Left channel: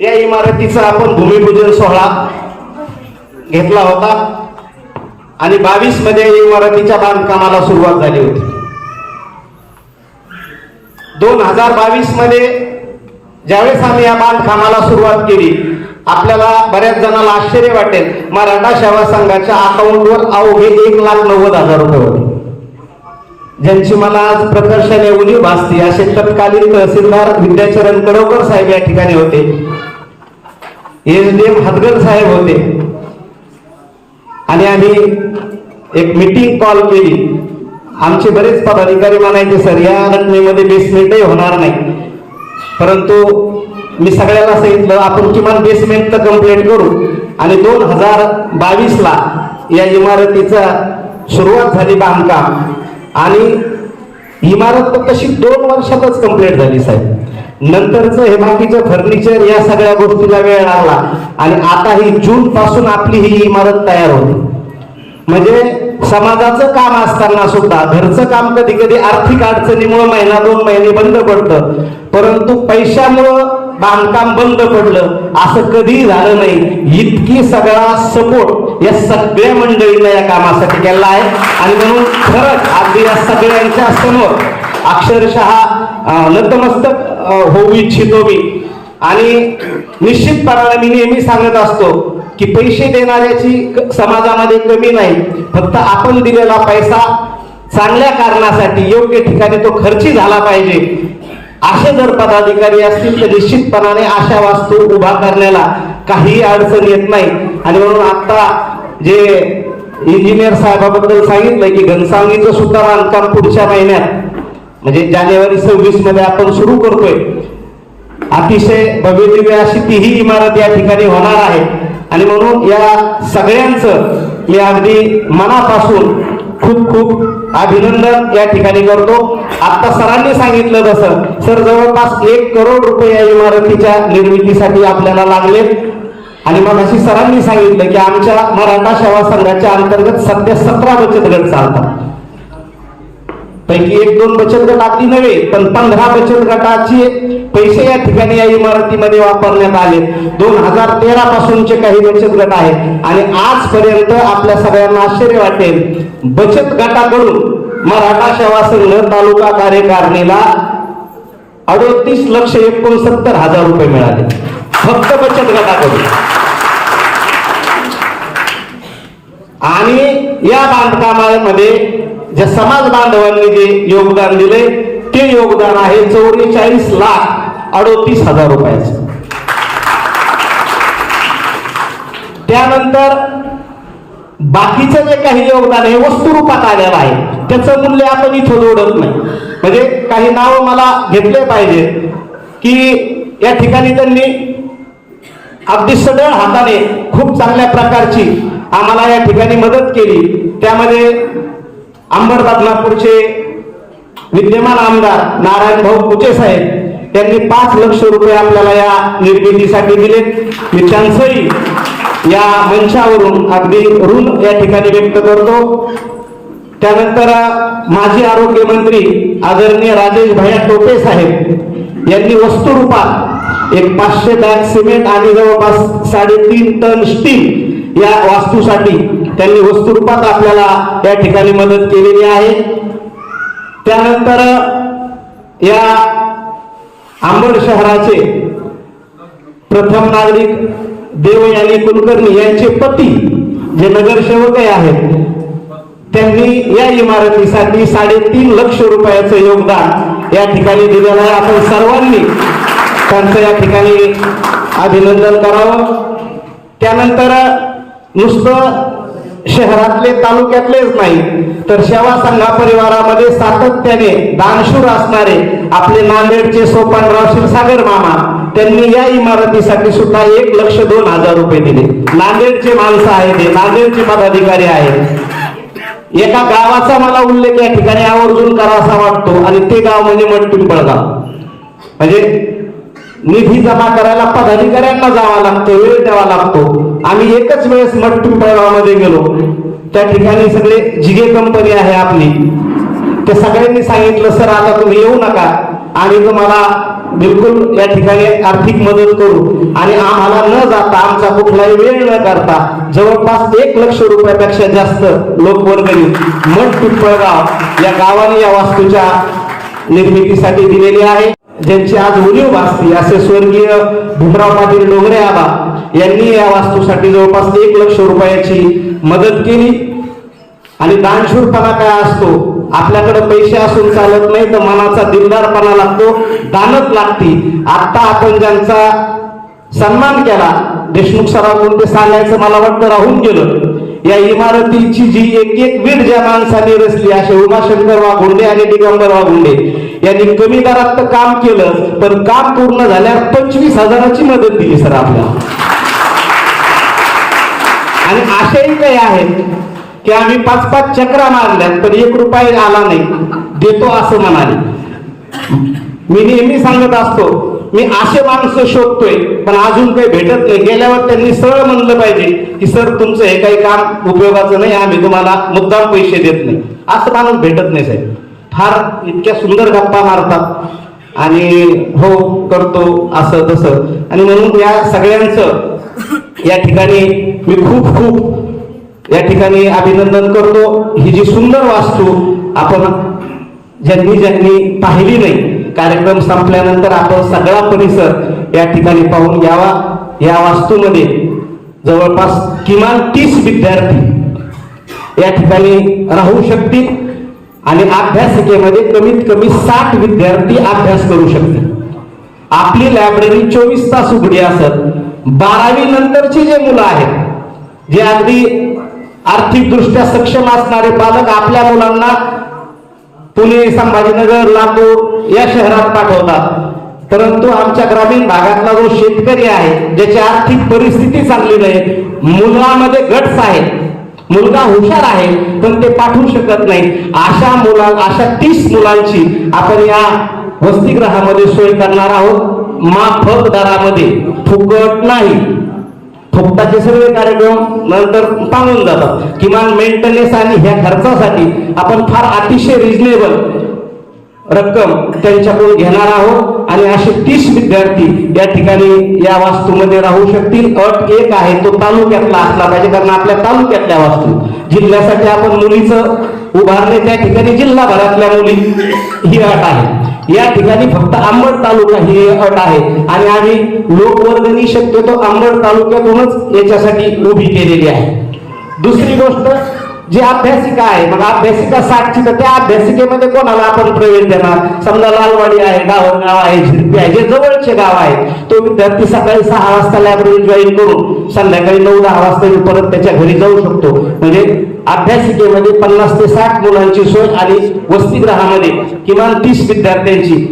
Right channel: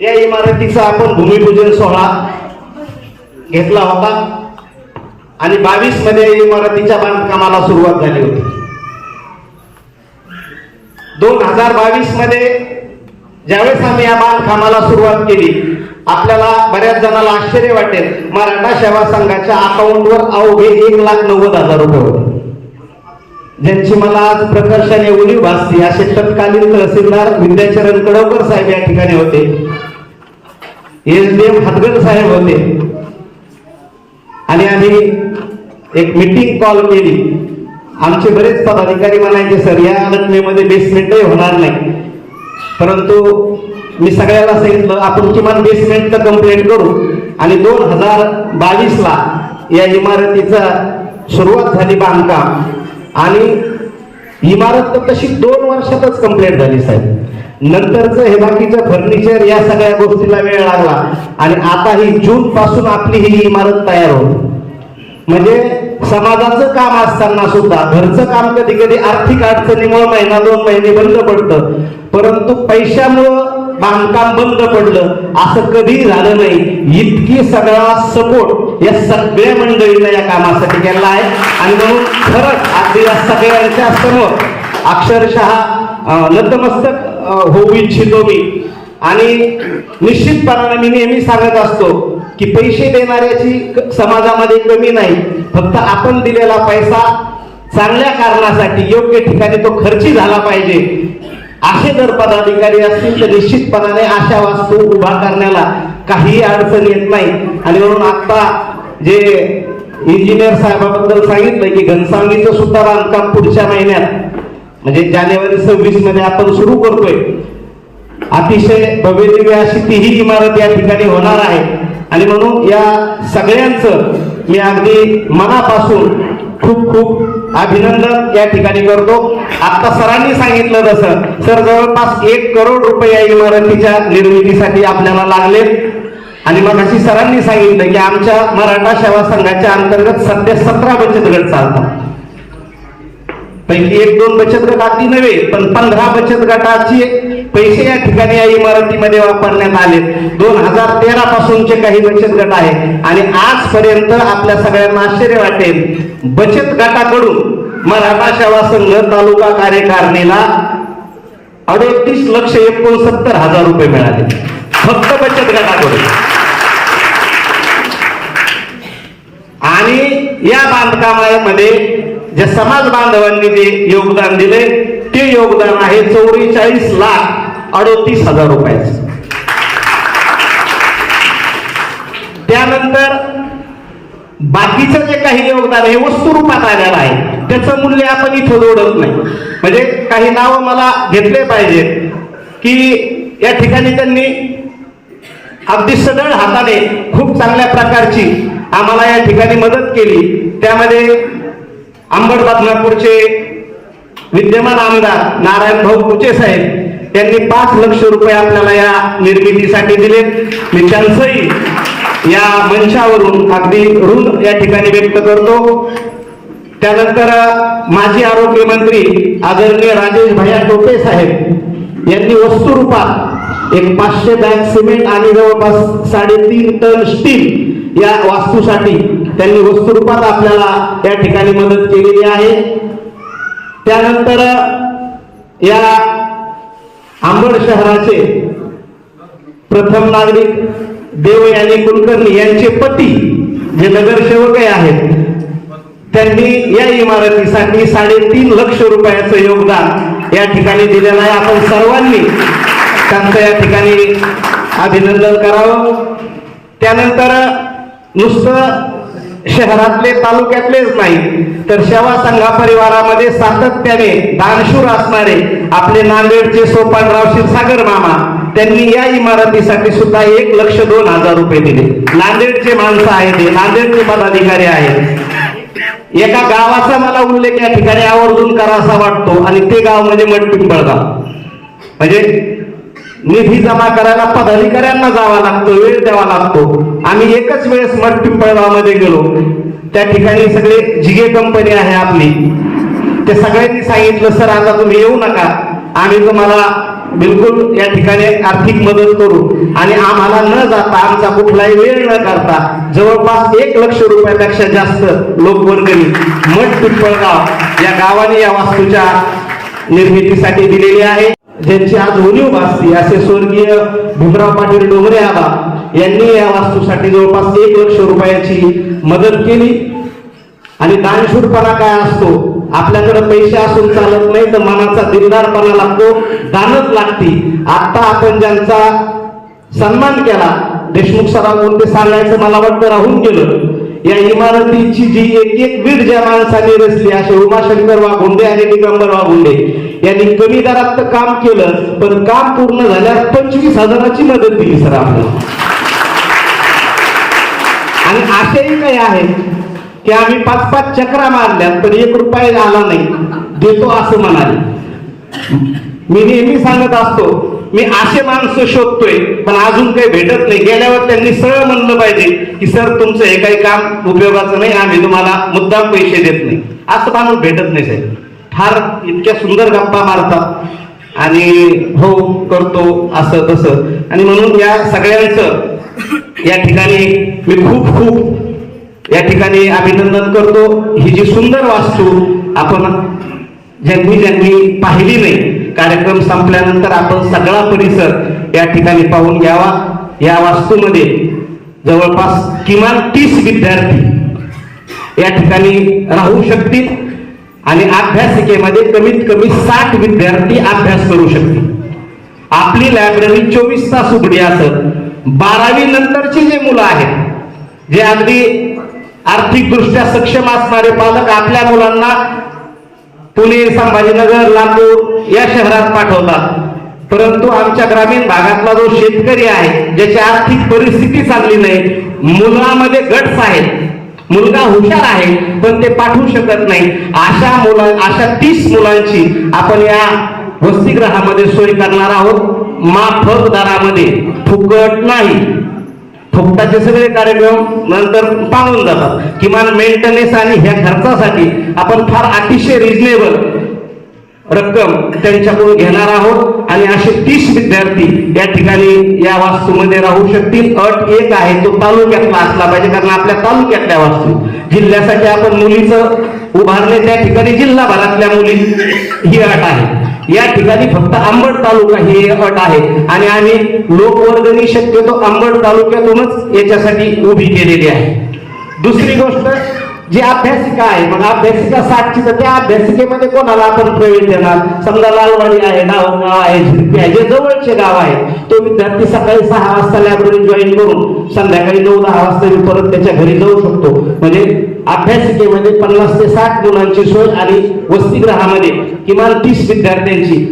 या इमारतीचा आपण भूमिपूजन सोहळा घेतला होता आणि 22 मध्ये इमारतीच्या बांधकामाला सुरुवात झाली होती. 2022 मध्ये ज्यावेळेस आम्ही या बांधकामाला सुरुवात केली, आपल्याला बऱ्याच जणांना आश्चर्य वाटेल, मराठा सेवा संघाच्या अकाउंटवर अवघे 1,90,000 रुपये होते, ज्यांची मला आज प्रकर्षाने उणीव भासते. असे तत्कालीन तहसीलदार विद्याचरण कडवकर साहेब या ठिकाणी होते, एसडीएम हदगर साहेब होते आणि आम्ही एक मीटिंग कॉल केली. आमचे बरेच पदाधिकारी म्हणायचे, सर या रकमेमध्ये बेसमेंटही होणार नाही, परंतु मी सगळ्याला सांगितलं आपण किमान बेसमेंट तर कंप्लीट करू. आणि 2022 ला या इमारतीचा सुरुवात झाली बांधकाम आणि इमारत तर तशी 2 वर्षातच कंप्लीट झाली साहेब. नंतरचं हे बाकीचं फर्निचर या सगळ्या गोष्टीला वेळ लागला आणि आता ही जून पासून आपली ही इमारत तयार होती. म्हणजे समाजाचं काम असताना सुद्धा घरचं काम कधी कधी आर्थिक अडचणीमुळे महिना 2 महिने बंद पडतं, परंतु पैशामुळं बांधकाम बंद पडलं असं कधी झालं नाही. इतकी सगळा सपोर्ट या सगळ्या मंडळींना या कामासाठी केला आहे आणि म्हणून खरंच अगदी या सगळ्यांच्या समोर अक्षरशः नतमस्तक होऊ इच्छितो मी. आणि निश्चितपणाने मी नेहमी सांगत असतो की पैसे देणाऱ्याची समाजामध्ये कमी नाही, फक्त आपण दिलेला पैसा चांगल्या कारणासाठी योग्य ठिकाणी तो खर्ची झाला पाहिजे. असे जर पदाधिकारी असतील तर निश्चितपणाने अशा वास्तू उभा करण्याला काही अडचण येत नाही. आणि म्हणून आता जे इंजिनियर साहेबाबद्दल सांगितलंय की घनसावंगीचं सुद्धा बांधकाम पुढच्या महिन्यात म्हणजे जानेवारी 26 मध्ये आपण सुरू करतोय. अतिशय भव्य अशी तीही इमारत या ठिकाणी होणार आहे आणि म्हणून या सगळ्यांचं मी अगदी मनापासून खूप खूप अभिनंदन या ठिकाणी करतो. आता सरांनी सांगितलं तसं सर जवळपास 1 करोड रुपये या इमारतीच्या निर्मितीसाठी आपल्याला लागले आणि मग अशी सरांनी सांगितलं की आमच्या मराठा सेवा संघाच्या अंतर्गत सध्या 17 बचत गट चालतात. पैकी 1-2 बचत गट अगदी नव्हे पण 15 बचत गटाचे पैसे या ठिकाणी या इमारतीमध्ये वापरण्यात आले. 2013 पासूनचे काही बचत गट आहेत आणि आजपर्यंत आपल्या सगळ्यांना आश्चर्य वाटेल, बचत गटाकडून मराठा सेवा संघ तालुका कार्यकारिणीला 38,69,000 रुपये मिळाले फक्त बचत गटाकडून. आणि या बांधकामामध्ये जे समाज बांधवांनी जे योगदान दिले ते योगदान आहे 44,38,000 रुपयाचं. त्यानंतर बाकीचं जे काही योगदान आहे वस्तू रूपात आलेलं आहे, त्याचं मूल्य आपण इथं जोडत नाही. म्हणजे काही नाव मला घेतले पाहिजे की या ठिकाणी त्यांनी अगदी सढळ हाताने खूप चांगल्या प्रकारची आम्हाला या ठिकाणी मदत केली. त्यामध्ये अंबड बदनापूरचे विद्यमान आमदार नारायण भाऊ कुचे साहेब यांनी 5 लाख रुपये आपल्याला या निर्मितीसाठी दिले. मी त्यांचंही या मंचावरून अगदी ऋण या ठिकाणी व्यक्त करतो. त्यानंतर माजी आरोग्य मंत्री आदरणीय राजेश भैया टोपे साहेब यांनी वस्तुरूपात एक 500 बॅग सिमेंट आणि जवळपास 3.5 टन स्टील या वास्तूसाठी त्यांनी वस्तुरूपात आपल्याला या ठिकाणी मदत केलेली आहे. त्यानंतर या अंबड शहराचे प्रथम नागरिक देवयानी कुलकर्णी यांचे पती जे नगरसेवक आहेत, त्यांनी या इमारतीसाठी 3.5 लाख रुपयाचं योगदान या ठिकाणी दिलेलं आहे. आपण सर्वांनी त्यांचं या ठिकाणी अभिनंदन करावं. त्यानंतर नुसतं शहरातले तालुक्यातलेच नाही तर सेवा संघा परिवारामध्ये सातत्याने दानशूर असणारे आपले नांदेडचे सोपानराव क्षीरसागर मामा, त्यांनी या इमारतीसाठी सुद्धा 1,02,000 रुपये दिले. नांदेडचे माणसं आहेत, ते नांदेडचे पदाधिकारी आहेत. एका गावाचा मला उल्लेख या ठिकाणी आवर्जून करावासा वाटतो आणि ते गाव म्हणजे मठपिंपळगाव. म्हणजे निधी जमा करायला पदाधिकाऱ्यांना जावं लागतं, वेळ द्यावा लागतो. आम्ही एकच वेळेस मठपिंपळगावमध्ये गेलो, त्या ठिकाणी सगळे जिगे कंपनी आहे आपली, ते सगळ्यांनी सांगितलं सर आता तुम्ही येऊ नका, आम्ही तुम्हाला बिलकुल या ठिकाणी आर्थिक मदत करू. आणि आम्हाला न जाता आमचा कुठलाही वेळ न करता जवळपास 1 लाख रुपयापेक्षा जास्त लोकवर्गणी मठ पिंपळगाव या गावाने या वास्तूच्या निर्मितीसाठी दिलेली आहे. ज्यांची आज उणीव भासते असे स्वर्गीय भीमराव पाटील डोंगरे आबा यांनी या वास्तूसाठी जवळपास 1 लाख रुपयाची मदत केली. आणि दानशूरपणा काय असतो, आपल्याकडे पैसे असून चालत नाही तर मनाचा दिलदारपणा लागतो, दानच लागते. आता आपण ज्यांचा सन्मान केला देशमुख सरांकडून ते सांगायचं मला वाटतं राहून गेलं. या इमारतीची जी एक वीट ज्या माणसाने रचली असे उमाशंकर वाघुंडे आणि दिगंबर वाघुंडे यांनी कमी दरात काम केलं, पण काम पूर्ण झाल्यावर 25,000ची मदत दिली सर आपल्याला. आणि असेही काही आहेत की आम्ही 5-5 चक्रा मारल्या तर 1 रुपया आला नाही, देतो असं म्हणाले. मी नेहमी सांगत असतो मी असे माणसं शोधतोय पण अजून काही भेटत नाही. गेल्यावर त्यांनी सरळ म्हणलं पाहिजे की सर तुमचं हे काही काम उपयोगाचं नाही, आम्ही तुम्हाला मुद्दाम पैसे देत नाही. असं माणूस भेटत नाही साहेब. फार इतक्या सुंदर गप्पा मारतात आणि हो करतो असं तसं. आणि म्हणून या सगळ्यांचं या ठिकाणी मी खूप खूप या ठिकाणी अभिनंदन करतो. ही जी सुंदर वास्तू आपण ज्यांनी पाहिली नाही, कार्यक्रम संपल्यानंतर आपण सगळा परिसर या ठिकाणी पाहून घ्यावा. या वास्तूमध्ये जवळपास किमान 30 विद्यार्थी या ठिकाणी राहू शकतील आणि अभ्यासिकेमध्ये कमीत कमी 60 विद्यार्थी अभ्यास करू शकतील. आपली लायब्ररी 24 तास उघडी असत. 12वी नंतरची जे मुलं आहेत, जे अगदी आर्थिक दृष्ट्या सक्षम असणारे पालक आपल्या मुलांना पुणे, संभाजीनगर, लातूर या शहरात पाठवतात. परंतु आमच्या ग्रामीण भागातला जो शेतकरी आहे, ज्याची आर्थिक परिस्थिती चांगली नाही, मुलामध्ये गट्स आहेत, मुलगा हुशार आहे पण ते पाठवू शकत नाही, अशा 30 मुलांची आपण या वसतिगृहामध्ये सोय करणार आहोत. माफक दरामध्ये, फुकट नाही. फुकटाचे सगळे कार्यक्रम नंतर पाहून जातात. किमान मेंटेनन्स आणि ह्या खर्चासाठी आपण फार अतिशय रिजनेबल रक्कम त्यांच्याकडून घेणार आहोत. आणि असे 30 विद्यार्थी या ठिकाणी या वास्तूमध्ये राहू शकतील. अट एक आहे, तो तालुक्यातला असला पाहिजे, कारण आपल्या तालुक्यातल्या वास्तू. जिल्ह्यासाठी आपण मुलीचं उभारणे त्या ठिकाणी जिल्हाभरातल्या मुली ही अट आहे. या ठिकाणी फक्त अंबड तालुका ही अट आहे आणि आम्ही लोकवर्गणी शक्यतो अंबड तालुक्यातूनच याच्यासाठी उभी केलेली आहे. दुसरी गोष्ट, जी अभ्यासिका आहे, मग अभ्यासिका 60ची, तर त्या अभ्यासिकेमध्ये कोणाला आपण प्रवेश देणार? समजा लालवाडी आहे, डावगाव आहे, झिरपी आहे, जे जवळचे गाव आहे, तो विद्यार्थी सकाळी 6 वाजता लायब्ररी जॉईन करून संध्याकाळी 9-10 वाजता परत त्याच्या घरी जाऊ शकतो. म्हणजे अभ्यासिकेमध्ये 50 ते 60 मुलांची सोय आणि वसतिगृहामध्ये किमान 30 विद्यार्थ्यांची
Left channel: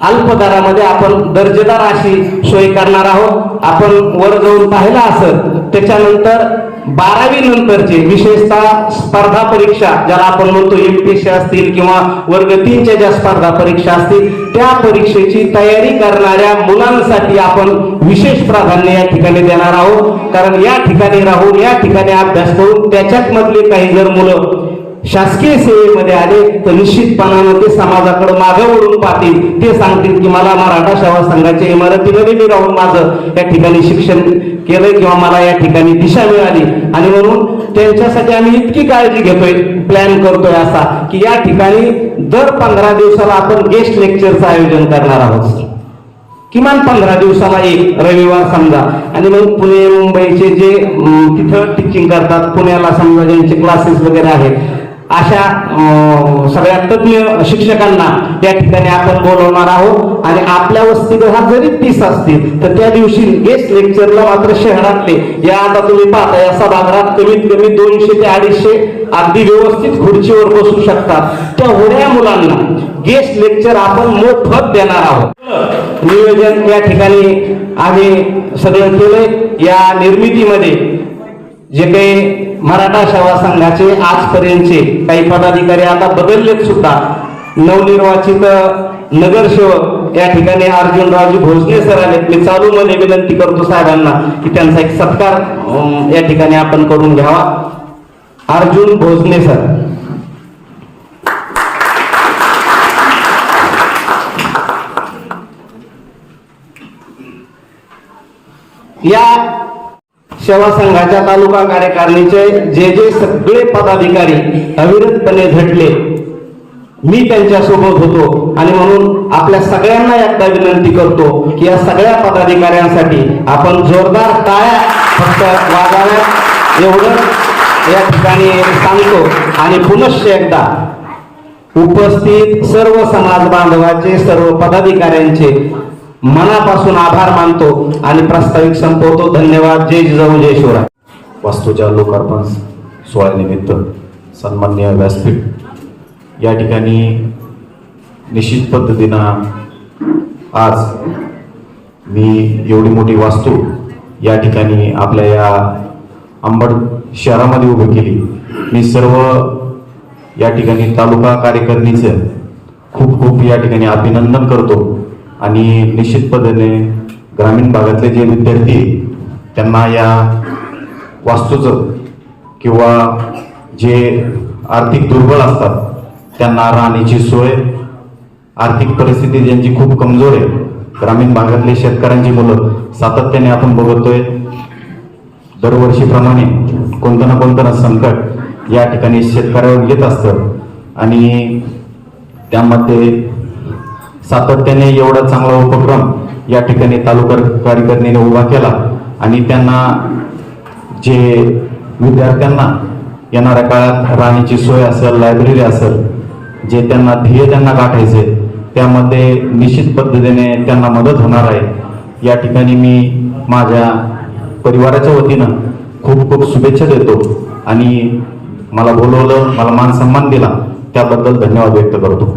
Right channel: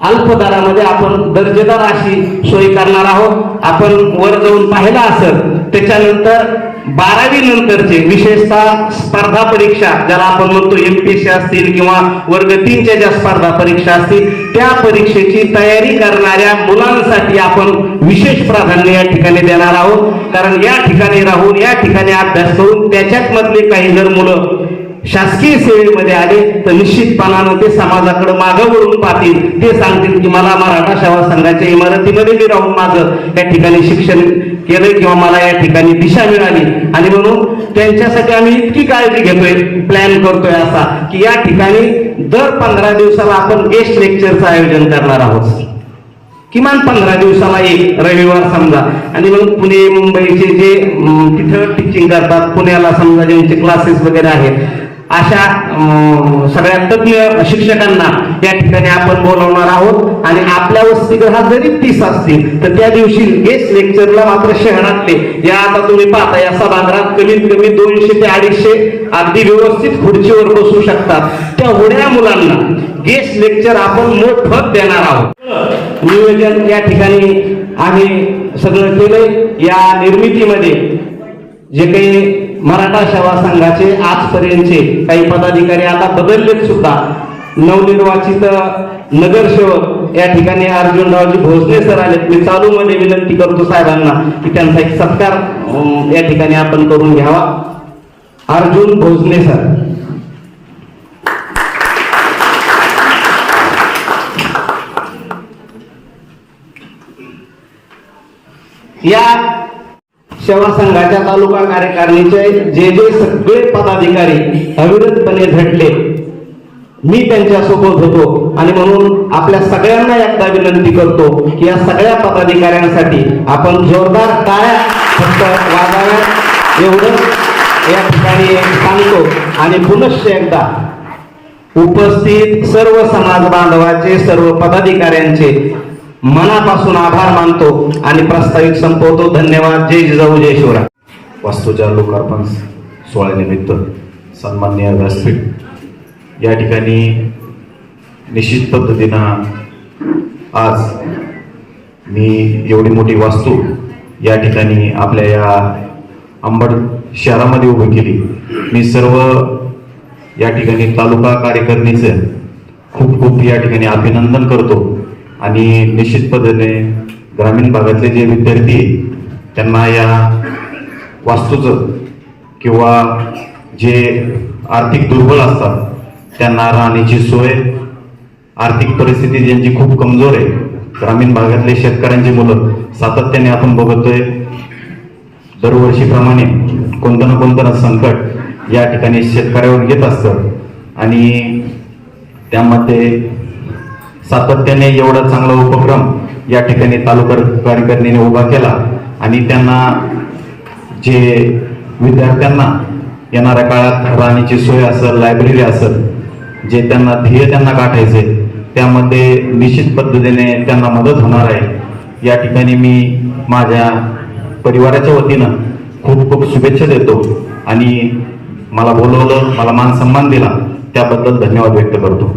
अल्प दरामध्ये आपण दर्जेदार अशी सोय करणार आहोत. आपण वर जाऊन पाहिलं असेल, त्याच्यानंतर 12वी नंतरचे विशेषतः स्पर्धा परीक्षा, ज्याला आपण म्हणतो MPSC असतील किंवा वर्ग 3च्या ज्या स्पर्धा परीक्षा असतील, त्या परीक्षेची तयारी करणाऱ्या मुलांसाठी आपण विशेष प्राधान्य या ठिकाणी देणार आहोत. कारण या ठिकाणी राहून या ठिकाणी अभ्यास करून त्याच्यात मधले काही जर मुलं शासकीय सेवेमध्ये आले तर निश्चितपणानं ते समाजाकडे मागं वळून पाहतील. ते सांगतील की मला मराठा सेवा संघाच्या इमारतीमध्ये मी राहून माझं या ठिकाणी शिक्षण केलं किंवा मला या ठिकाणी दिशा मिळाली. आणि म्हणून त्यांच्यासाठी आम्ही इतकी काळजी घेतोय, प्लॅन करतोय असा की या ठिकाणी दर 15 दिवसाला आपण गेस्ट लेक्चरचं आयोजन करणार आहोत. किमान 15 दिवसाला एक रविवार समजा. आणि मग पुणे मुंबईचे जे तिथं टीचिंग करतात, पुण्याला समजा ज्यांचे क्लासेस वगैरे आहेत, अशा सगळ्या तज्ञ शिक्षकांना या ठिकाणी आपण बोलवणार आहोत. आणि आपल्या वसतिगृहात जरी 30 असतील तर त्या दिवशी गेस्ट लेक्चरला मात्र शहरातले, या आता तुम्ही पाहता या सभागृहात कमीत कमी 200 ते 250 अगदी व्यवस्थित खुर्चीवर बसू शकतात, तेवढ्या मुलांना गेस्ट लेक्चर आपण मोफत देणार आहोत. नियोजन या ठिकाणी आम्ही सगळं केलंय. या निर्मितीमध्ये जे काही मराठा सेवा संघाचे आजपर्यंतचे काही पदाधिकारी आता बदललेत सुद्धा, नवनिर्वाचित नगरसेवक या ठिकाणी अर्जुनरावजी भोसले सर आलेत. मी चालूमध्ये विनंती करतो साहेबांना की त्यांचा एक सत्कार या ठिकाणी आपण करून घ्यावा. अर्जुन भोसले सर. या सेवा संघाच्या तालुका कार्यकारिणीचे जे सगळे पदाधिकारी अविरतपणे झटले, मी त्यांच्यासोबत होतो. आणि म्हणून आपल्या सगळ्यांना एकदा विनंती करतो की या सगळ्या पदाधिकाऱ्यांसाठी आपण जोरदार टाळ्या फक्त वाजवाव्यात एवढं या ठिकाणी सांगतो. आणि पुनश्च एकदा उपस्थित सर्व समाज बांधवाचे, सर्व पदाधिकाऱ्यांचे मनापासून आभार मानतो आणि प्रस्तावित संपवतो. धन्यवाद. जय जिजाऊ, जय शिवराय. वास्तूच्या लोकार्पण सोहळ्यानिमित्त सन्माननीय व्यासपीठ या ठिकाणी निश्चित पद्धतीनं आज मी एवढी मोठी वास्तू या ठिकाणी आपल्या या अंबड शहरामध्ये उभी केली. मी सर्व या ठिकाणी तालुका कार्यकारिणीचं खूप खूप या ठिकाणी अभिनंदन करतो. आणि निश्चित पद्धतीने ग्रामीण भागातले जे विद्यार्थी त्यांना या वास्तूचं किंवा जे आर्थिक दुर्बल असतात त्यांना राहण्याची सोय, आर्थिक परिस्थिती ज्यांची खूप कमजोर आहे, ग्रामीण भागातले शेतकऱ्यांची मुलं सातत्याने आपण बघतोय दरवर्षीप्रमाणे कोणतं ना कोणतं संकट या ठिकाणी शेतकऱ्यावर येत असतं. आणि त्यामध्ये सातत्याने एवढा चांगला उपक्रम या ठिकाणी तालुका कार्यकारिणीने उभा केला. आणि त्यांना जे विद्यार्थ्यांना येणाऱ्या काळात राहण्याची सोय असेल, लायब्ररी असेल, जे त्यांना ध्येय त्यांना गाठायचे त्यामध्ये निश्चित पद्धतीने त्यांना मदत होणार आहे. या ठिकाणी मी माझ्या परिवाराच्या वतीनं खूप खूप शुभेच्छा देतो. आणि मला बोलवलं, मला मान सन्मान दिला त्याबद्दल धन्यवाद व्यक्त करतो.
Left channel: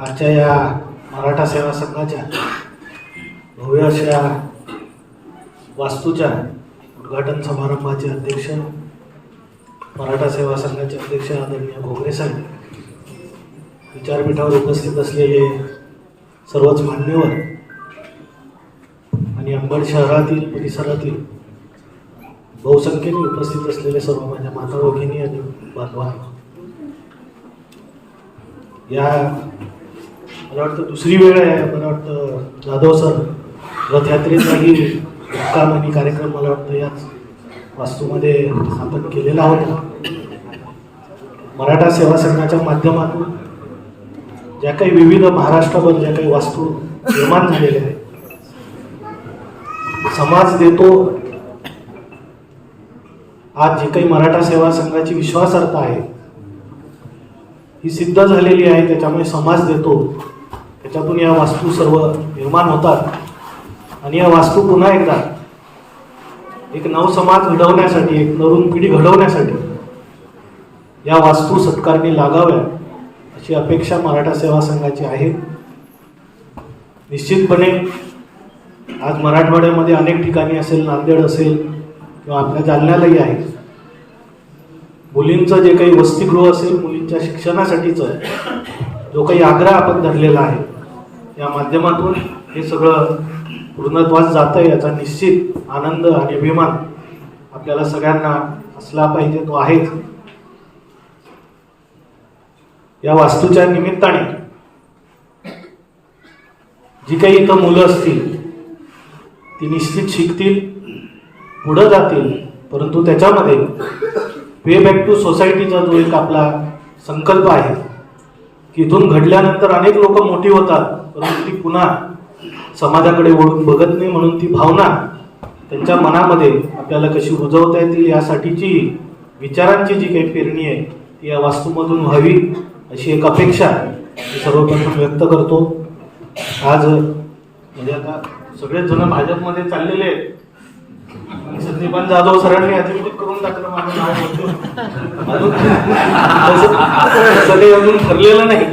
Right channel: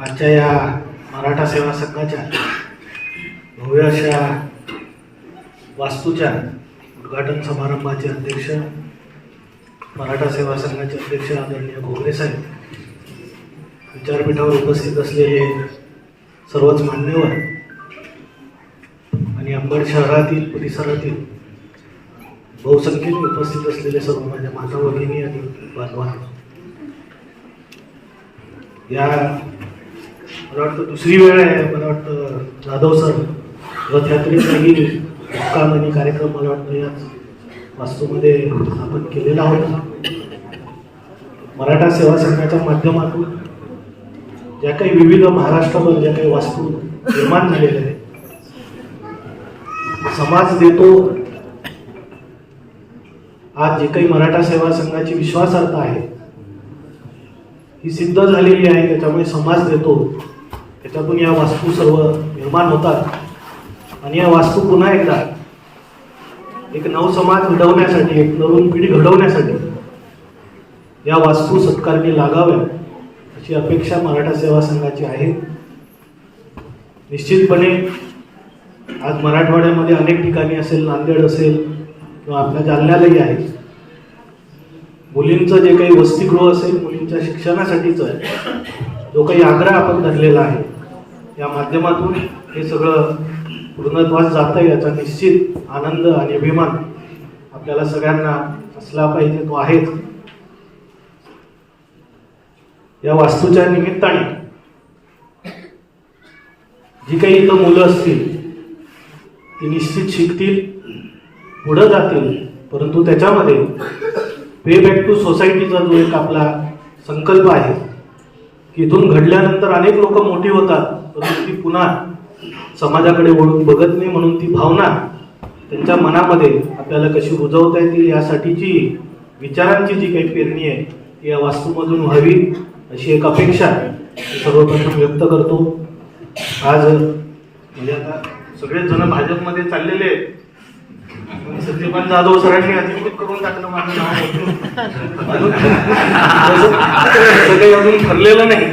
आजच्या या मराठा सेवा संघाच्या भव्य अशा वास्तूच्या उद्घाटन समारंभाचे अध्यक्ष, मराठा सेवा संघाचे अध्यक्ष आदरणीय घोगरे साहेब, विचारपीठावर उपस्थित असलेले सर्वच मान्यवर आणि अंबड शहरातील परिसरातील बहुसंख्येने उपस्थित असलेले सर्व माझ्या माता भगिनी आणि बांधवांनो, या मला वाटतं दुसरी वेळ आहे, मला वाटतं जाधव सर रथयात्रेचाही काम आणि कार्यक्रम मला वाटतं याच वास्तूमध्ये आपण केलेला होता. मराठा सेवा संघाच्या माध्यमातून ज्या काही विविध महाराष्ट्रावर ज्या काही वास्तू निर्माण झालेल्या आहेत, समाज देतो आज जे काही मराठा सेवा संघाची विश्वासार्हता आहे ही सिद्ध झालेली आहे. त्याच्यामुळे समाज देतो, त्याच्यातून या वास्तू सर्व निर्माण होतात आणि या वास्तू पुन्हा एकदा एक नवसमाज घडवण्यासाठी, एक नवीन पिढी घडवण्यासाठी या वास्तू सत्कारणी लागाव्या अशी अपेक्षा मराठा सेवा संघाची आहे. निश्चितपणे आज मराठवाड्यामध्ये अनेक ठिकाणी असेल, नांदेड असेल किंवा आपल्या जालन्यालाही आहे, मुलींचं जे काही वसतिगृह असेल, मुलींच्या शिक्षणासाठीचं जो काही आग्रह आपण धरलेला आहे, या माध्यमातून हे सगळं पूर्णत्वास जातं याचा निश्चित आनंद आणि अभिमान आपल्याला सगळ्यांना असला पाहिजे, तो आहेच. या वास्तूच्या निमित्ताने जी काही इथं मुलं असतील ती निश्चित शिकतील, पुढं जातील, परंतु त्याच्यामध्ये वे बॅक टू सोसायटीचा जो एक आपला संकल्प आहे की इथून घडल्यानंतर अनेक लोक मोठी होतात, परंतु ती पुन्हा समाजाकडे वळून बघत नाही, म्हणून ती भावना त्यांच्या मनामध्ये आपल्याला कशी रुजवता येतील यासाठीची विचारांची जी काही पेरणी आहे ती या वास्तूमधून व्हावी अशी एक अपेक्षा सर्वप्रथम व्यक्त करतो. आज म्हणजे आता सगळेच जण भाजपमध्ये चाललेले आहेत. संदीपान जाधव सरांनी अधिकृत करून टाकलं माझं नाव अजून काही अजून ठरलेलं नाही.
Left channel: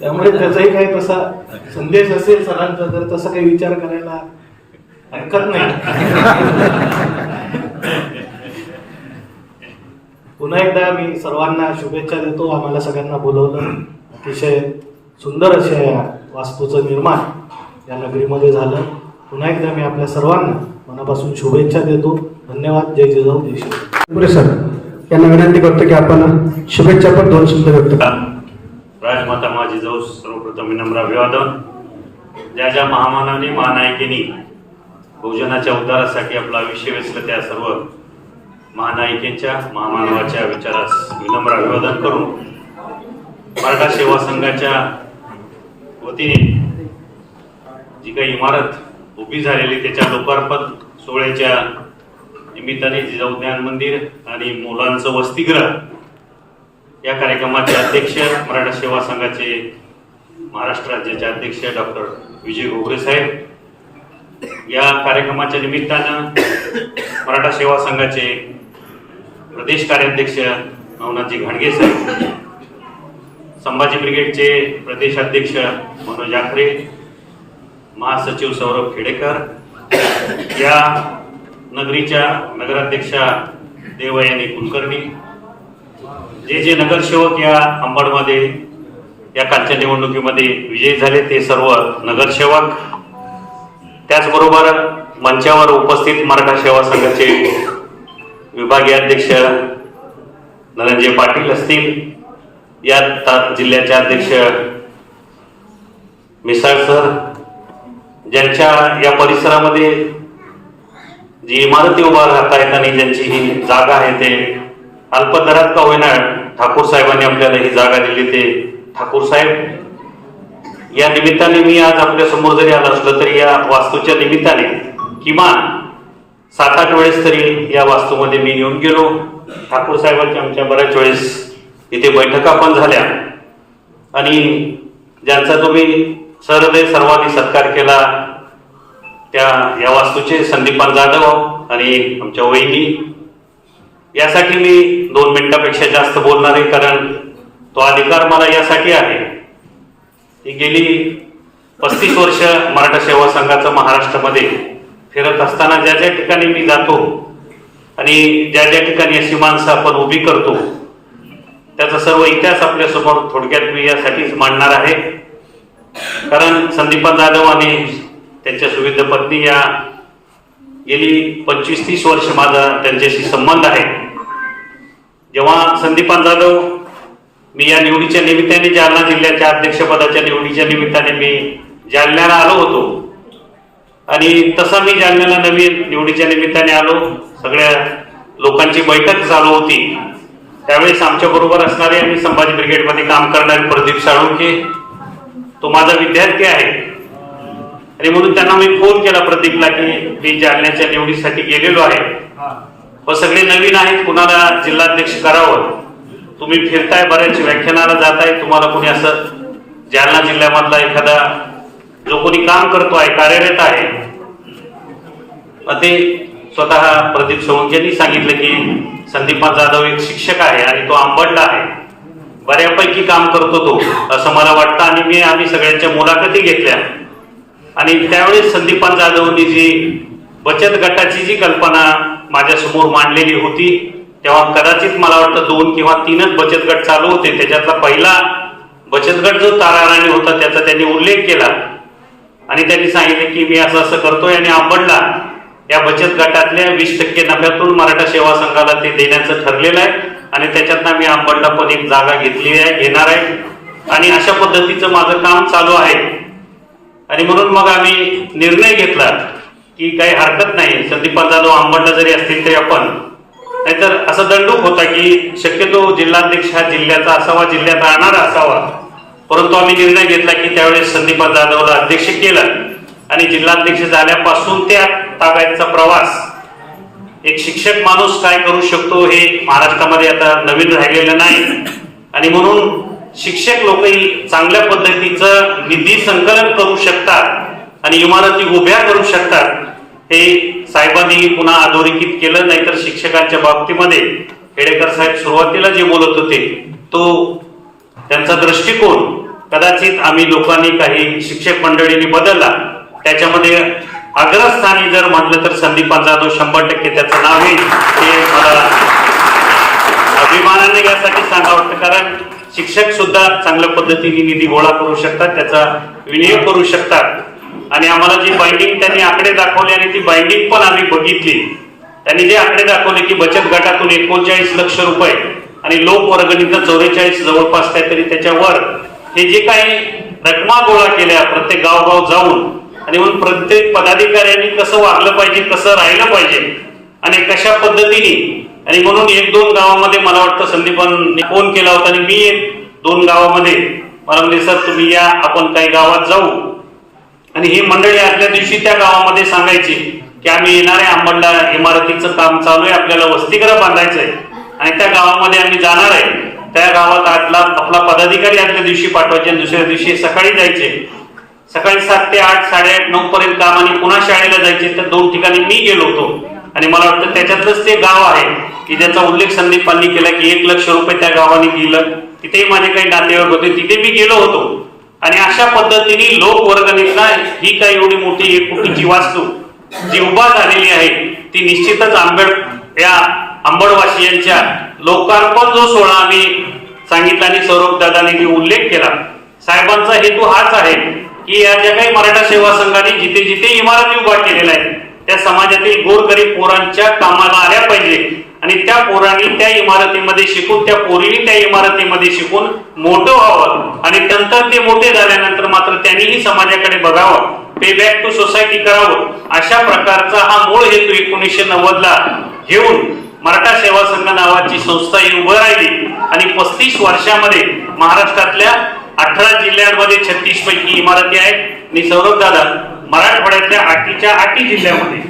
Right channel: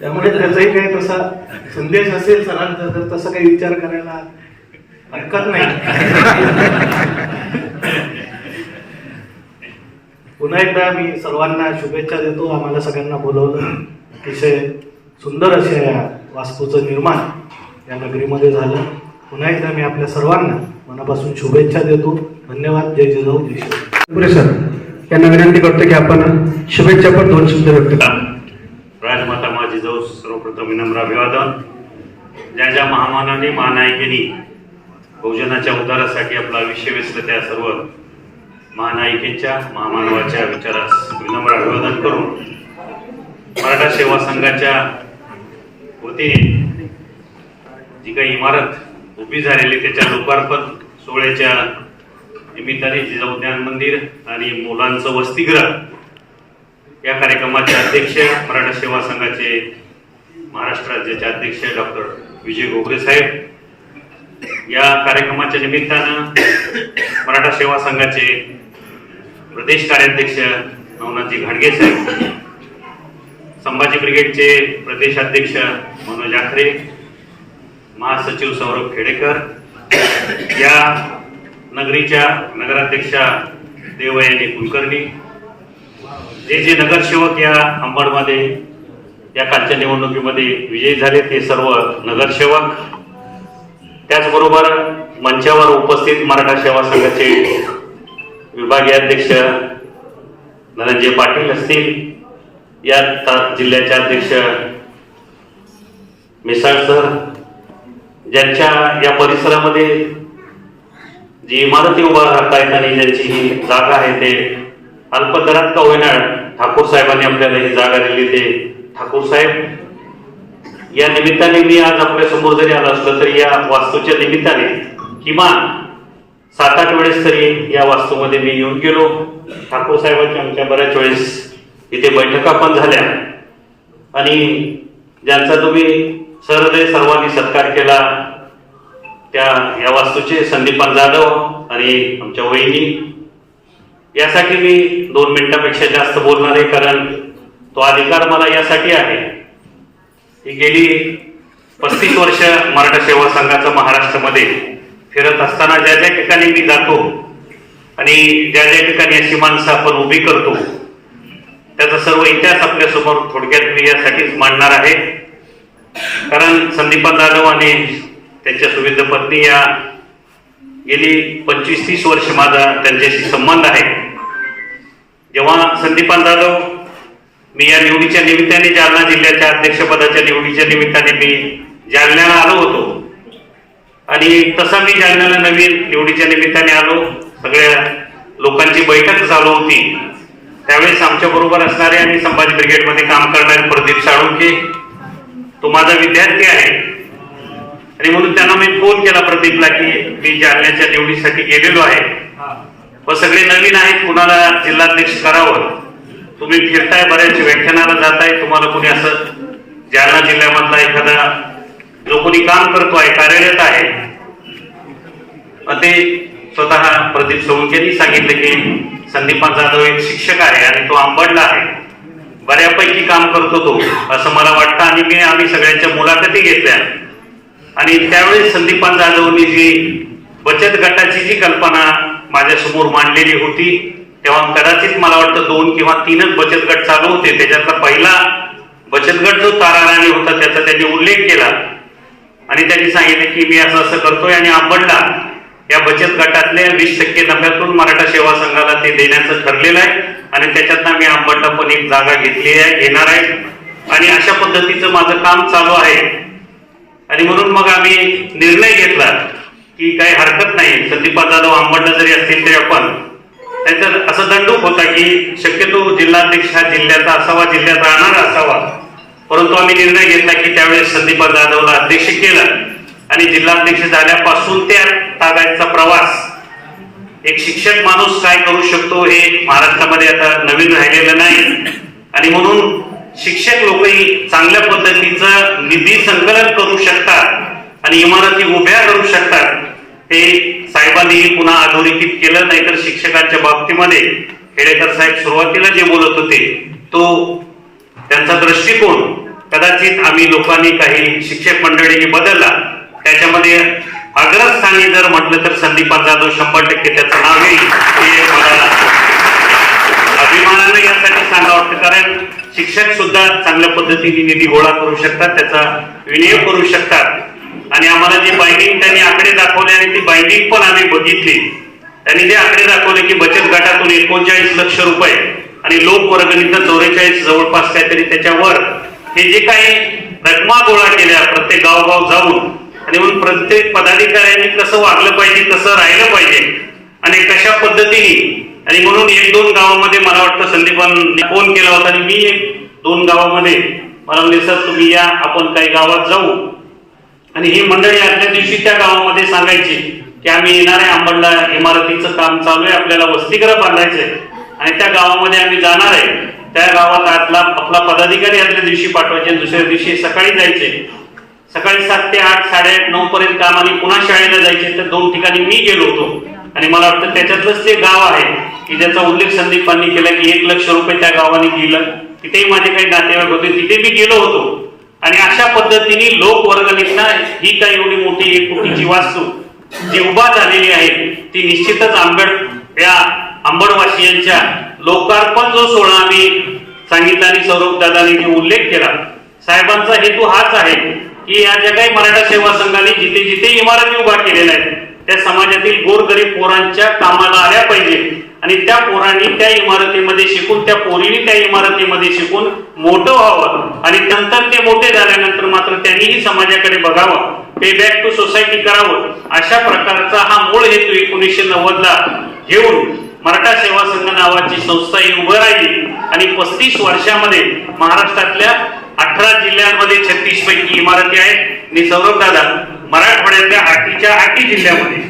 त्यामुळे त्याचाही काही तसा संदेश असेल सरांचा, तर तसा काही विचार करायला हरकत नाही. पुन्हा एकदा मी सर्वांना शुभेच्छा देतो. आम्हाला सगळ्यांना बोलवलं, अतिशय सुंदर अशा या वास्तूचं निर्माण या नगरीमध्ये झालं. पुन्हा एकदा मी आपल्या सर्वांना मनापासून शुभेच्छा देतो. धन्यवाद. जय जिजाऊ, जय शिवराय. सर यांना विनंती करतो की आपण शुभेच्छा पण 2 शब्द व्यक्त करा. राजमाता माझी जाऊ सर्वप्रथम विनम्र अभिवादन. ज्या ज्या महामानाने महानायिकेनी बहुजनाच्या उद्धारासाठी आपलं आयुष्य वेचलं त्या सर्व महानायिकेच्या महामानवाच्या विचारास विनम्र अभिवादन करून मराठा सेवा संघाच्या वतीने जी काही इमारत उभी झालेली त्याच्या लोकार्पण सोहळ्याच्या निमित्ताने जिजाऊ ज्ञान मंदिर आणि मुलांचं वसतिगृह या कार्यक्रमाचे अध्यक्ष मराठा सेवा संघाचे महाराष्ट्र राज्याचे अध्यक्ष डॉक्टर विजय घोगरे साहेब, या कार्यक्रमाच्या निमित्तानं मराठा सेवा संघाचे प्रदेश कार्याध्यक्ष नवनाथजी घाडगे साहेब, संभाजी ब्रिगेडचे प्रदेश अध्यक्ष मनोज आखरे, महासचिव सौरभ खेडेकर, या नगरीच्या नगराध्यक्षा देवयानी कुलकर्णी, जे जे नगरसेवक या अंबडमध्ये या कालच्या निवडणुकीमध्ये विजयी झाले ते सर्व नगरसेवक, त्याचबरोबर मंचावर उपस्थित मराठा सेवा संघाचे विभागीय अध्यक्ष धनंजय पाटील असतील, या जिल्ह्याचे अध्यक्ष मिसाळ सर, ज्यांच्या या परिसरामध्ये जी इमारती उभा राहत आहेत आणि ज्यांची ही जागा आहे ते अल्पदरात का होईना ठाकूर साहेबांनी आपल्याला ही जागा दिली, ते ठाकूर साहेब, या निमित्ताने मी आज आपल्या समोर जरी आलो असलो तरी या वास्तूच्या निमित्ताने किमान 7-8 वेळेस तरी या वास्तूमध्ये मी येऊन गेलो. ठाकूर साहेबांच्या आमच्या बऱ्याच वेळेस इथे बैठका पण झाल्या आणि ज्यांचा तुम्ही सहृदय सर्वांनी सत्कार केला त्या या वास्तूचे संदीपान जाधव आणि आमच्या वहिनी, यासाठी मी 2 मिनिटापेक्षा जास्त बोलणार आहे, कारण तो अधिकार मला यासाठी आहे की गेली 35 वर्ष मराठा सेवा संघाचं महाराष्ट्रामध्ये फिरत असताना ज्या ज्या ठिकाणी मी जातो आणि ज्या ज्या ठिकाणी अशी माणसं आपण उभी करतो त्याचा सर्व इतिहास आपल्यासमोर थोडक्यात मी यासाठीच मांडणार आहे. कारण संदीपान जाधव आणि त्यांच्या सुविध पत्नी या गेली 25-30 वर्ष माझा त्यांच्याशी संबंध आहे. जेव्हा संदीपान जाधव मी या निवडीच्या निमित्ताने जालना जिल्ह्याच्या अध्यक्षपदाच्या निवडीच्या निमित्ताने मी जालन्याला आलो होतो आणि तसा मी जालन्याला नवीन निवडीच्या निमित्ताने आलो, सगळ्या लोकांची बैठक चालू होती. त्यावेळेस आमच्या बरोबर असणारे आणि संभाजी ब्रिगेडमध्ये काम करणारे प्रदीप साळुंके, तो माझा विद्यार्थी आहे, आणि म्हणून त्यांना मी फोन केला प्रदीपला की मी जालन्याच्या निवडीसाठी गेलेलो आहे, व सगळे नवीन आहेत, कुणाला जिल्हाध्यक्ष करावं, तुम्ही फिरताय, बऱ्याच व्याख्यानाला जाताय, तुम्हाला कोणी असं जालना जिल्ह्यामधला एखादा जो कोणी काम करतो आहे, कार्यरत आहे, ते स्वतः प्रदीप सोळंकेंनी सांगितलं की संदीपान जाधव एक शिक्षक आहे आणि तो अंबडला आहे, बऱ्यापैकी काम करतो तो, असं मला वाटतं. आणि आम्ही सगळ्यांच्या मुलाखती घेतल्या आणि त्यावेळेस संदीपान जाधवनी जी बचत गटाची जी कल्पना माझ्या समोर मांडलेली होती, तेव्हा कदाचित मला वाटतं 2 किंवा 3च बचत गट चालू होते. त्याच्यातला पहिला बचत गट जो ताराराणी होता त्याचा त्यांनी उल्लेख केला आणि त्यांनी सांगितले की मी असं असं करतोय आणि अंबडला या बचत गटातल्या 20% नफ्यातून मराठा सेवा संघाला ते देण्याचं ठरलेलं आहे आणि त्याच्यातनं मी अंबडला पण एक जागा घेतली आहे, घेणार आहे आणि अशा पद्धतीचं माझं काम चालू आहे. आणि म्हणून मग आम्ही निर्णय घेतला की काही हरकत नाही, संदीपान जाधव अंबडला जरी असतील तरी आपण, नाहीतर असं दंडूक होता की शक्यतो जिल्हाध्यक्ष हा जिल्ह्याचा असावा, जिल्ह्यात राहणारा असावा, परंतु आम्ही निर्णय घेतला की त्यावेळेस संदीपान जाधवला अध्यक्ष केलं आणि जिल्हाध्यक्ष झाल्यापासून त्या ताब्याचा प्रवास, एक शिक्षक माणूस काय करू शकतो हे महाराष्ट्रामध्ये आता नवीन राहिलेलं नाही आणि म्हणून शिक्षक लोकही चांगल्या पद्धतीचं निधी संकलन करू शकतात आणि इमारती उभ्या करू शकतात. हे साहेबांनी पुन्हा अधोरेखित केलं, नाहीतर शिक्षकांच्या बाबतीमध्ये खेडेकर साहेब सुरुवातीला जे बोलत होते तो त्यांचा दृष्टिकोन कदाचित आम्ही लोकांनी, काही शिक्षक मंडळींनी बदलला. त्याच्यामध्ये अग्रस्थानी जर म्हटलं तर संदीपान जाधव 100% त्याचं नाव येईल. ते मला अभिमानाने यासाठी सांगावं वाटतं, कारण शिक्षक सुद्धा चांगल्या पद्धतीने निधी गोळा करू शकतात, त्याचा विनियोग करू शकतात. आणि आम्हाला जी बाइंडिंग त्यांनी आकडे दाखवले आणि ती बाइंडिंग पण आम्ही बघितली. त्यांनी जे आकडे दाखवले की बचत गटातून 39 लक्ष रुपये आणि लोक वर्गणीतून 44 जवळपास काहीतरी त्याच्यावर हे जे काही रकमा गोळा केल्या प्रत्येक गावगाव जाऊन, आणि म्हणून प्रत्येक पदाधिकाऱ्यांनी कसं वागलं पाहिजे, कसं राहिलं पाहिजे आणि कशा पद्धतीने, आणि म्हणून 1-2 गावामध्ये मला वाटतं संदीपान फोन केला होता आणि मी 1-2 गावामध्ये मला म्हणले सर तुम्ही या, आपण काही गावात जाऊ. आणि ही मंडळी आदल्या दिवशी त्या गावामध्ये सांगायची की आम्ही येणाऱ्या अंबडला इमारतीचं काम चालू आहे, आपल्याला वसतिगृह बांधायचंय आणि त्या गावामध्ये आम्ही जाणार आहे. त्या गावात आपला पदाधिकारी आदल्या दिवशी पाठवायचे आणि दुसऱ्या दिवशी सकाळी जायचे. सकाळी 7 ते 8, 8:30, 9 पर्यंत काम आणि पुन्हा शाळेला जायचे. तर 2 ठिकाणी मी गेलो होतो आणि मला वाटतं त्याच्यातलंच ते गाव आहे की ज्याचा उल्लेख संदीपांनी केला की 1 लक्ष रुपये त्या गावाने दिलं. तिथेही माझे काही नातेवाईक होते, तिथे मी गेलो होतो. आणि अशा पद्धतीने लोक वर्गणीतला ही काही एवढी मोठी 1 कोटीची वास्तू जी उभा झालेली आहे ती निश्चितच या अंबडवासियांच्या लोकार्पण जो सोहळा आम्ही सांगितला आणि सौरभ दादांनी उल्लेख केला, साहेबांचा हेतू हाच आहे की या ज्या काही मराठा सेवा संघाने जिथे जिथे इमारती उभा केलेल्या आहेत त्या समाजातील गोरगरीब पोरांच्या कामाला आल्या पाहिजे आणि त्या पोरांनी त्या इमारतीमध्ये शिकून, त्या पोरीने त्या इमारतीमध्ये शिकून मोठं व्हावं आणि नंतर ते मोठे झाल्यानंतर मात्र त्यांनीही समाजाकडे बघावं, पे बॅक टू सोसायटी करावं. अशा प्रकारचा हा मूळ हेतू 1990ला घेऊन मराठा सेवा संघ नावाची संस्था ही उभं राहिली आणि 35 वर्षामध्ये महाराष्ट्रातल्या 18 जिल्ह्यांमध्ये 36 पैकी इमारती आहेत. आणि सौरभ दादा, मराठवाड्यातल्या 8 जिल्ह्यामध्ये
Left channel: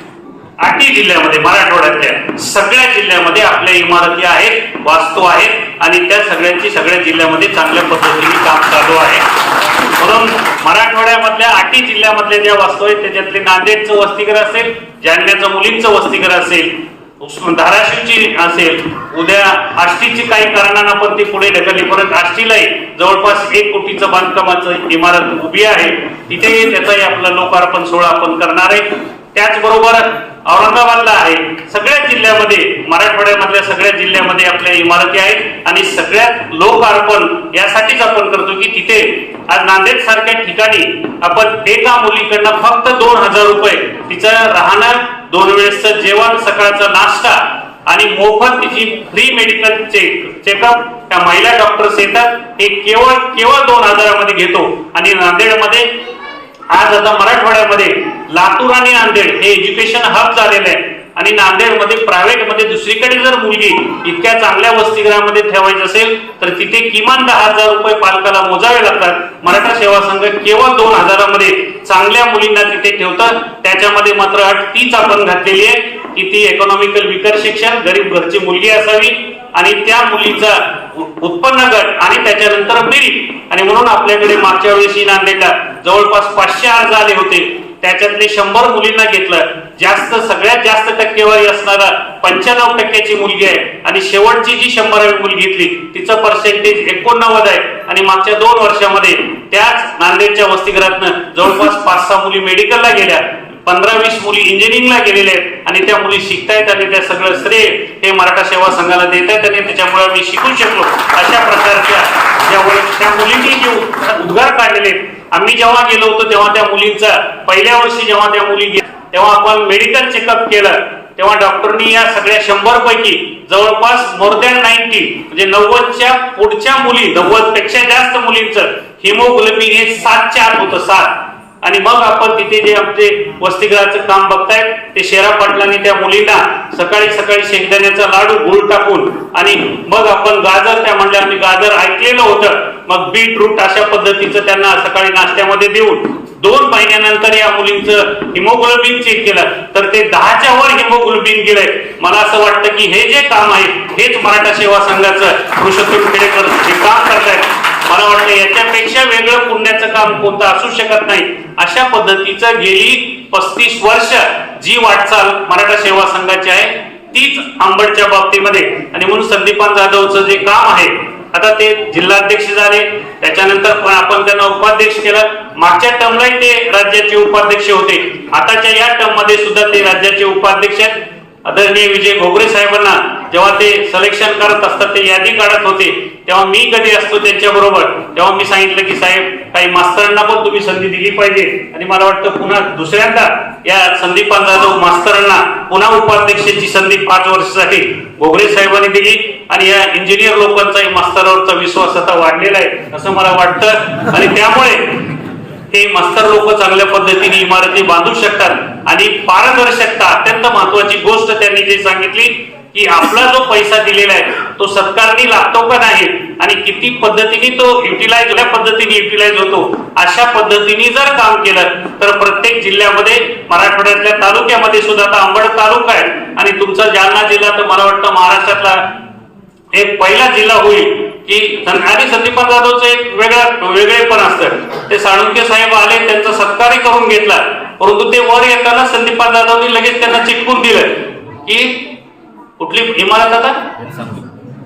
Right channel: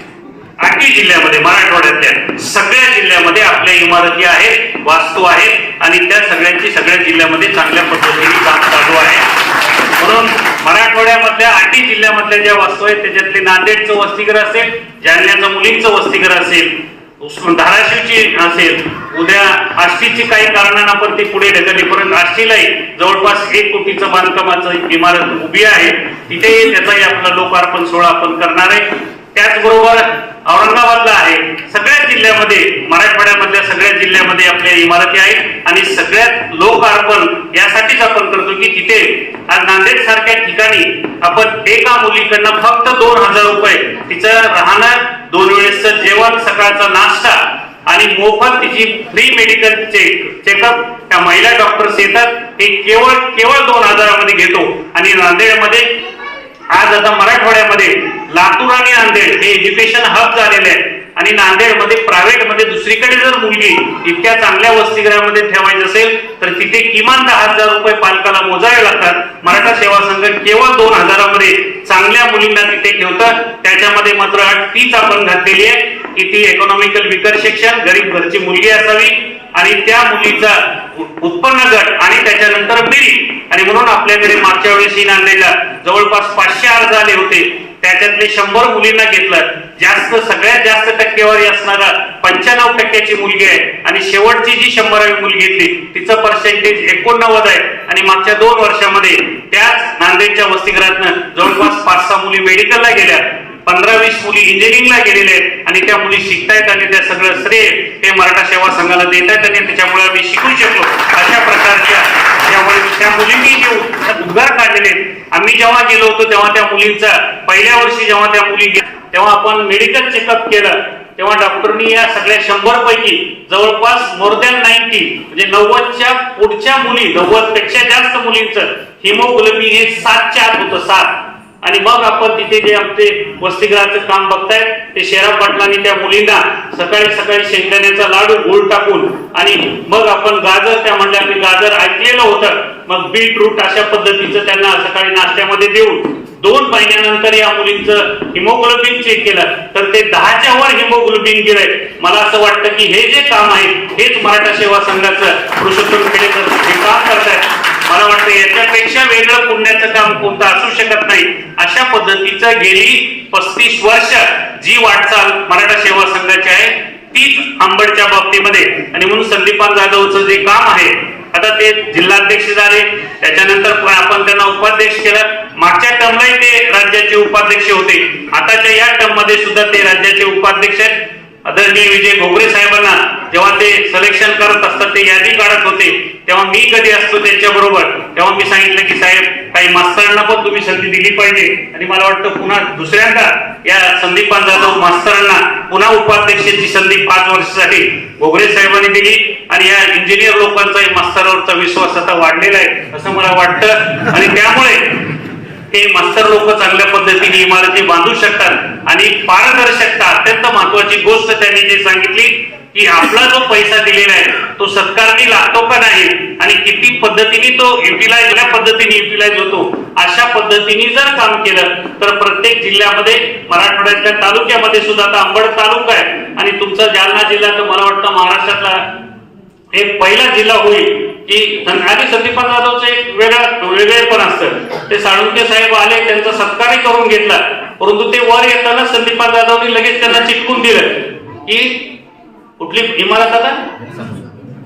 मराठवाड्यातल्या सगळ्या जिल्ह्यामध्ये आपल्या इमारती आहेत, वास्तू आहेत आणि त्या सगळ्या जिल्ह्यामध्ये चांगल्या पद्धतीने काम चालू आहे. म्हणून मराठवाड्यामधल्या 8 जिल्ह्यामधल्या ज्या वास्तू आहेत त्याच्यातले नांदेडचं वसतिगृह असेल, जालन्याचं मुलींचं वसतिगृह असेल, धाराशिवची असेल, उद्या आष्टीची काही कारणांना पण ती पुढे ढकलली, परंतु आष्टीलाही जवळपास 1 कोटीचं बांधकामाचं इमारत उभी आहे, तिथेही त्याचाही आपला लोकार्पण सोहळा आपण करणार आहे. त्याचबरोबर औरंगाबादला आहे, सगळ्या जिल्ह्यामध्ये, मराठवाड्यामधल्या सगळ्या जिल्ह्यामध्ये आपल्या इमारती आहेत आणि सगळ्यात लोकार्पण यासाठीच आपण करतो की तिथे आज नांदेड सारख्या ठिकाणी आपण एका मुलीकडनं फक्त 2000 रुपये तिचं राहणं, 2 वेळेसचं जेवण, सकाळचा नाश्ता आणि मोफत तिची फ्री मेडिकल चेकअप त्या महिला डॉक्टर्स येतात, हे केवळ 2000 मध्ये घेतो. आणि नांदेडमध्ये आज आता मराठवाड्यामध्ये लातूर आणि नांदेड हे एज्युकेशन हब झालेले आहेत आणि नांदेडमध्ये प्रायव्हेटमध्ये दुसरीकडे जर मुलगी इतक्या चांगल्या वसतिगृहामध्ये ठेवायची असेल तर तिथे किमान 10,000 रुपये पालकाला मोजावे लागतात. मराठा सेवा संघ केवळ 2,000 मध्ये चांगल्या मुलींना तिथे ठेवतात. त्याच्यामध्ये मात्र अट तीच आपण घातलेली आहे की ती इकॉनॉमिकल विकर सेक्शन, गरीब घरची मुलगी असावी आणि त्या मुलीचा उत्पन्न गट आणि त्याच्यानंतर मेरिट. आणि म्हणून आपल्याकडे मागच्या वेळेस नांदेडला जवळपास 500 अर्ज आले होते. त्याच्यातले 100 मुलींना घेतलं. सगळ्यात जास्त टक्केवारी असणारा 95% मुलगी आहे आणि शेवटची जी 100वी मुलगी घेतली तिचं पर्सेंटेज 89 आहे. आणि मागच्या 2 वर्षामध्ये त्याच नांदेडच्या वसतिगृहातनं जवळपास 5-6 मुली मेडिकलला गेल्या, 15-20 मुली इंजिनिअरिंगला गेलेल्या आहेत आणि त्या मुली शिकतायत आणि त्या सगळं श्रेय हे मराठा सेवा संघाला देत आहेत आणि त्याच्यामुळे आम्ही शिकू शकलो. अशा प्रकारच्या त्या मुलींनी जे उद्गार काढलेले आहेत. आम्ही जेव्हा गेलो होतो तेव्हा त्या मुलींचा पहिल्या वर्षी जेव्हा त्या मुली तेव्हा आपण मेडिकल चेकअप केलं तेव्हा डॉक्टरनी या सगळ्या 100 पैकी जवळपास मोर दॅन 90 म्हणजे 90च्या पुढच्या मुली, 90 पेक्षा जास्त मुलींचं हिमोग्लोबिन हे 7च्या आत होतं, 7. आणि मग आपण तिथे जे आमचे वसतिगृहाचं काम बघतायत ते शेरा पाटलांनी त्या मुलींना सकाळी सकाळी शेंगदाण्याचा लाडू गुळ टाकून आणि मग आपण गाजर, त्या म्हणल्या आम्ही गाजर ऐकलेलं होतं, मग बीटरूट अशा पद्धतीचं त्यांना सकाळी नाश्त्यामध्ये देऊन 2 महिन्यानंतर या मुलींचं हिमोग्लोबिन चेक केलं तर ते 10च्या वर हिमोग्लोबिन गेलंय. मला असं वाटतं की हे जे काम आहे हेच मराठा सेवा संघाचं पुरुषोत्तम खेडेकर हे काम करतायत. मला वाटतं याच्यापेक्षा वेगळं पुण्याचं काम कोणतं असू शकत नाही. अशा पद्धतीचं गेली 35 वर्ष जी वाटचाल मराठा सेवा संघाची आहे तीच अंबडच्या बाबतीमध्ये. आणि म्हणून संदीपान जाधवचं जे काम आहे, आता ते जिल्हाध्यक्ष झाले, त्याच्यानंतर पण आपण त्यांना उपाध्यक्ष केलं. मागच्या टर्मलाही ते राज्याचे उपाध्यक्ष होते, आताच्या या टर्म मध्ये सुद्धा ते राज्याचे उपाध्यक्ष आहेत. आदरणीय विजय घोगरे साहेबांना जेव्हा ते सिलेक्शन करत असतात, ते यादी काढत होते, तेव्हा मी कधी असतो त्यांच्या बरोबर, तेव्हा मी सांगितलं की साहेब काही मास्तरांना पण तुम्ही संधी दिली पाहिजे. आणि मला वाटतं पुन्हा दुसऱ्यांदा या संदीपान जाधव मास्तरांना पुन्हा उपाध्यक्षाची संधी 5 वर्षासाठी घोगरे साहेबांनी दिली आणि या इंजिनियर लोकांचाही मास्तरावरचा विश्वास आता वाढलेला आहे असं मला वाटतं. आणि त्यामुळे ते मास्तर लोक चांगल्या पद्धतीने इमारती बांधू शकतात. आणि पारदर्शकता अत्यंत महत्वाची गोष्ट त्यांनी जे सांगितली की आपला जो पैसा दिलेला आहे तो सरकारने लागतो का नाही आणि किती पद्धतीने तो युटिलाइज होतो, अशा पद्धतीने जर काम केलं तर प्रत्येक जिल्ह्यामध्ये, मराठवाड्यातल्या तालुक्यामध्ये सुद्धा, आता अंबड तालुका आहे आणि तुमचा जालना जिल्हा तर मला वाटतं महाराष्ट्रातला एक पहिला जिल्हा होईल की. आणि संदीपान जाधवचं एक वेगळेपण असतं. ते साळुंके साहेब आले, त्यांचा सत्कारही करून घेतला, परंतु ते वर येताना संदीपान जाधवनी लगेच त्यांना चिटकून दिलं की कुठली इमारत, आता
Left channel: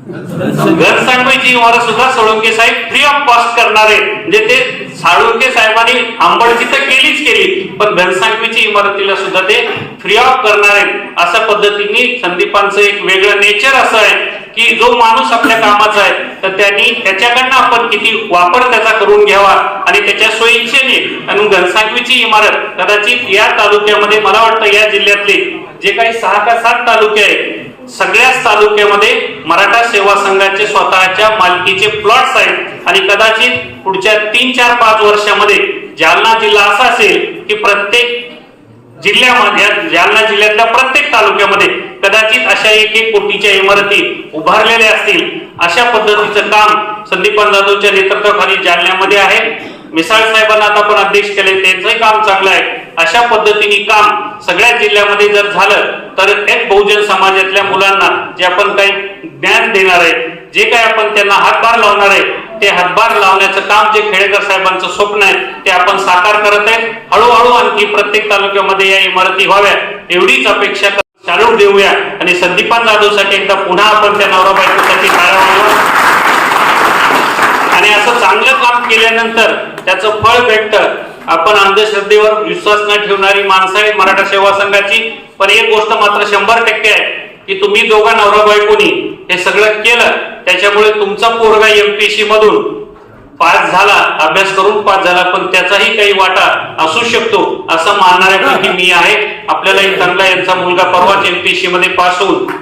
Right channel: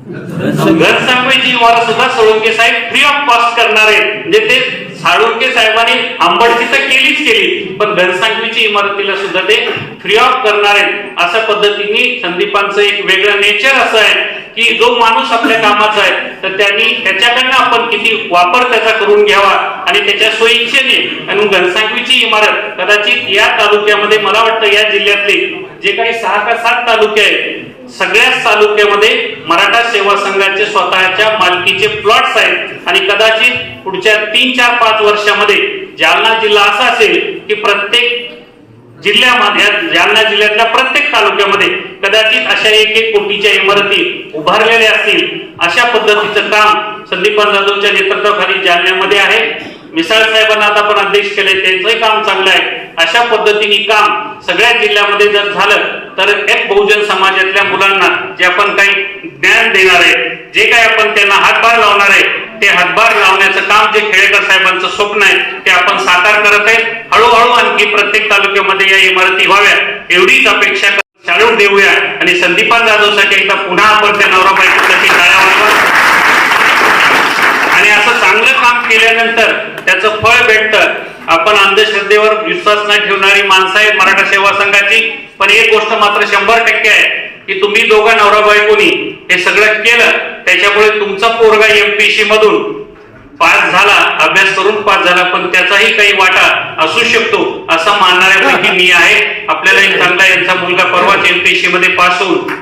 घनसांगवीची इमारत सुद्धा साळुंके साहेब फ्री ऑफ कॉस्ट करणारे. म्हणजे ते साळुंके साहेबांनी अंबडची तर केली, पण घनसांगवीची इमारतीला सुद्धा ते फ्री ऑफ करणार आहेत. अशा पद्धतीने संदीपांचं एक वेगळं नेचर असं आहे की जो माणूस आपल्या कामाचा आहे तर त्याच्याकडनं आपण किती वापर त्याचा करून घ्यावा आणि त्याच्या सोयीच्छेने. आणि घनसांगवीची इमारत कदाचित या तालुक्यामध्ये, मला वाटतं या जिल्ह्यातले जे काही 6 का 7 तालुके आहेत, सगळ्याच तालुक्यामध्ये मराठा सेवा संघाचे स्वतःच्या मालकीचे प्लॉट्स आहेत. आणि कदाचित पुढच्या 3-4-5 वर्षामध्ये जालना जिल्हा असा असेल की प्रत्येक जिल्ह्यामध्ये, जालना जिल्ह्यातल्या प्रत्येक तालुक्यामध्ये कदाचित अशा 1-1 कोटीच्या इमारती उभारलेल्या असतील. अशा पद्धतीचं काम संदीपान जाधवच्या नेतृत्वाखाली जालन्यामध्ये आहे. मिसाळ साहेबांना आता पण अध्यक्ष केले, त्यांचंही काम चांगलं आहे. अशा पद्धतीने काम सगळ्या जिल्ह्यामध्ये जर झालं तर एक बहुजन समाजातल्या मुलांना जे आपण काही ज्ञान देणार आहे, जे काही आपण त्यांना हातभार लावणार आहे, ते हातभार लावण्याचं काम जे खेडेकर साहेबांचं स्वप्न आहे ते आपण साकार करत आहे. हळूहळू आणखी प्रत्येक तालुक्यामध्ये या इमारती व्हाव्या एवढीच अपेक्षा चालू देऊया. आणि संदीपान जाधवसाठी एकदा पुन्हा आपण त्या नवरा बायकोसाठी आणि असं चांगलं काम केल्यानंतर त्याचं फळ भेटतं. आपण अंधश्रद्धेवर विश्वास न ठेवणारी माणसं आहेत मराठा सेवा संघाची. पण एक गोष्ट मात्र 100% आहे की तुम्ही दोघा नवरा बायकोनी हे सगळं केलं, त्याच्यामुळे तुमचा पोरगा MPSC मधून पास झाला, अभ्यास करून पास झाला, पण त्याचाही काही वाटा असू शकतो असं मानणाऱ्यापैकी मी आहे. आपल्याला एक चांगला यांचा मुलगा परवाच MPSC मध्ये पास होऊन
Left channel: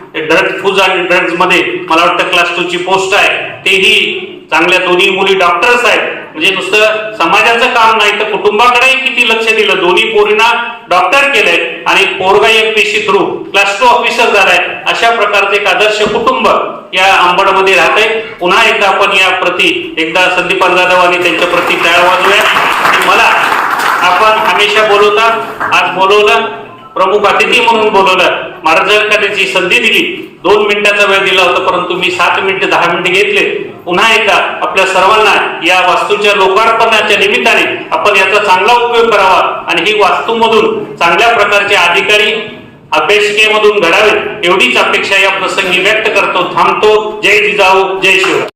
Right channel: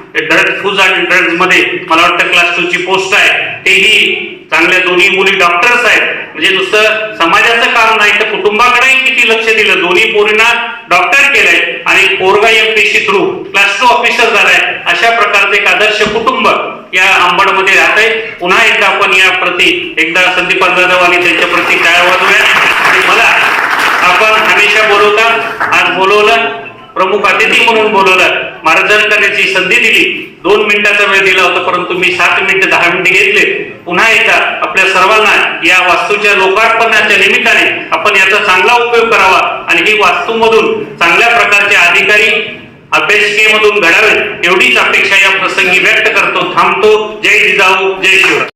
फूड आणि ड्रग्ज मध्ये मला वाटतं क्लास 2 ची पोस्ट आहे. तेही चांगल्या दोन्ही मुली डॉक्टर्स आहेत. म्हणजे नुसतं समाजाचं काम नाही तर कुटुंबाकडेही किती लक्ष दिलं. दोन्ही पोरींना डॉक्टर केलंय आणि पोरगा एमपीसी थ्रू क्लास 2 ऑफिसर झालाय. अशा प्रकारचे एक आदर्श कुटुंब या अंबडमध्ये राहत आहे. पुन्हा एकदा आपण या प्रती एकदा संदीप जाधव आणि त्यांच्या प्रती टाळ्या वाजवूया. मला आपण हमेशा बोलवता, आज बोलवलं, प्रमुख अतिथी म्हणून बोलवलं, मार्गदर्शन करण्याची संधी दिली. 2 मिनिटाचा वेळ दिला होता, परंतु मी 7 मिनिटं 10 मिनिटं घेतले. पुन्हा एकदा आपल्या सर्वांना या वास्तूच्या लोकार्पणाच्या निमित्ताने आपण याचा चांगला उपयोग करावा आणि ही वास्तूमधून चांगल्या प्रकारचे अधिकारी अभ्यासिकेमधून घडावेत एवढीच अपेक्षा या प्रसंगी व्यक्त करतो. थांबतो. जय जिजाऊ, जय शिवराय.